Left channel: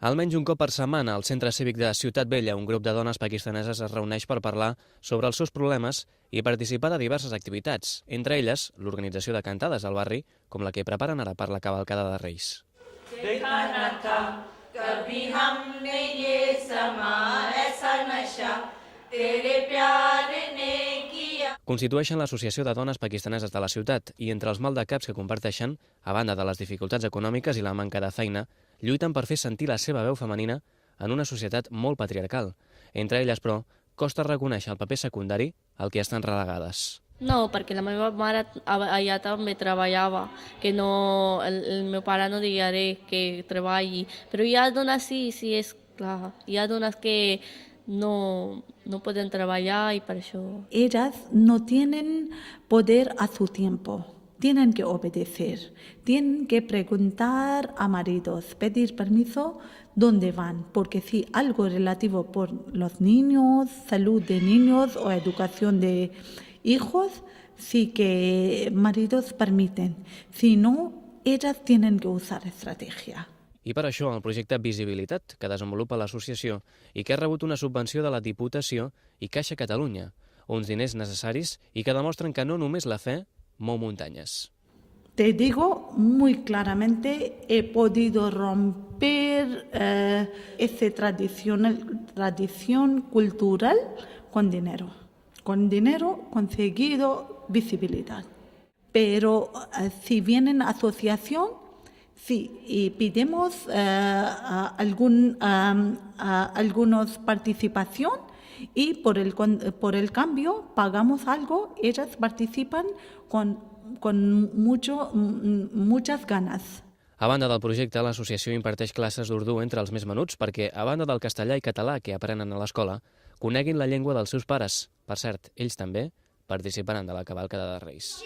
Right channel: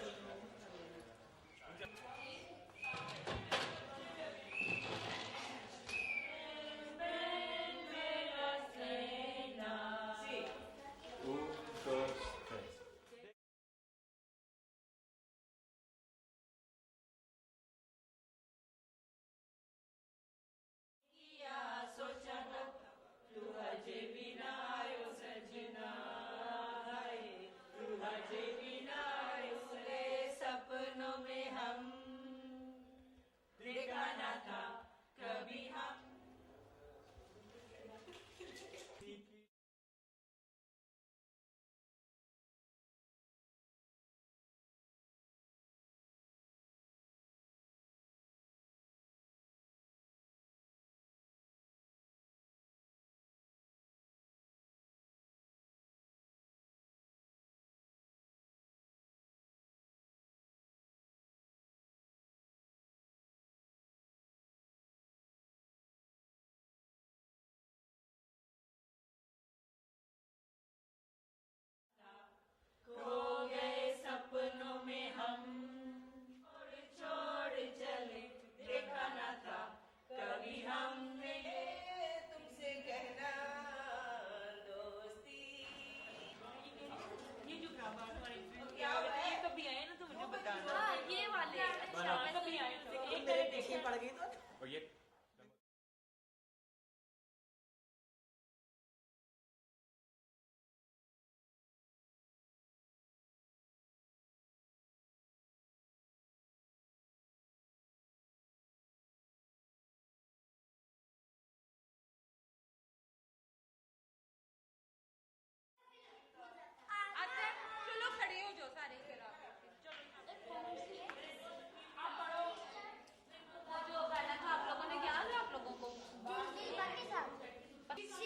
Almenys un cop per setmana, al Centre Cívic de Ciutat Vella, un grup de dones pakistaneses es reuneix per parlar sobre els seus problemes i participar de diverses activitats, entre elles l'organització de cantades al barri, com la que preparen ara per la cavalcada de Reis. Constitueixen l'Associació de Dones Pakistaneses de la ciutat i entre els maldecaps que comparteixen, a banda de les dificultats econòmiques i la manca de feina, lluiten per fer sentir la seva veu femenina en una societat molt patriarcal. Entre elles, però, costa reconèixer el paper secundari al que estan relegades. No, perquè la meva mare allà també treballava, que no, el meu pare no diria res que treballi, però hi ha dones sí, és clar, hi ha dones que no pueden trabajar y para eso. Ellas no tienen poder a su tiempo, tienen que obedecer, tienen que preguntar a maridos, pedir permiso dónde van, porque si algo relativo por los niños, salud de niños o educación de hijos, sí que maridos permiten, si no, ellas tienen que usar estrategia. I per això el projecte Visibilitat, que desenvolupa l'associació i que ha rebut una subvenció de la Diputació i Caixa Catalunya, uns diners necessaris i que demostren que no només la fe mou muntanyes. Te digo muy claramente, he podido romper esa tradición cultural con dinero. Con dinero conseguido visibilidad. Pero si vienen asociación, sí, y pedimos algunos participación y por el cambio pagamos algo, ellas participan con muchas ganas. A banda del projecte, l'associació imparteix classes d'urdú entre els més menuts perquè, a banda del castellà i català que aprenen a l'escola, coneguin la llengua dels seus pares. Per cert, ells també participaran de la cavalcada de Reis.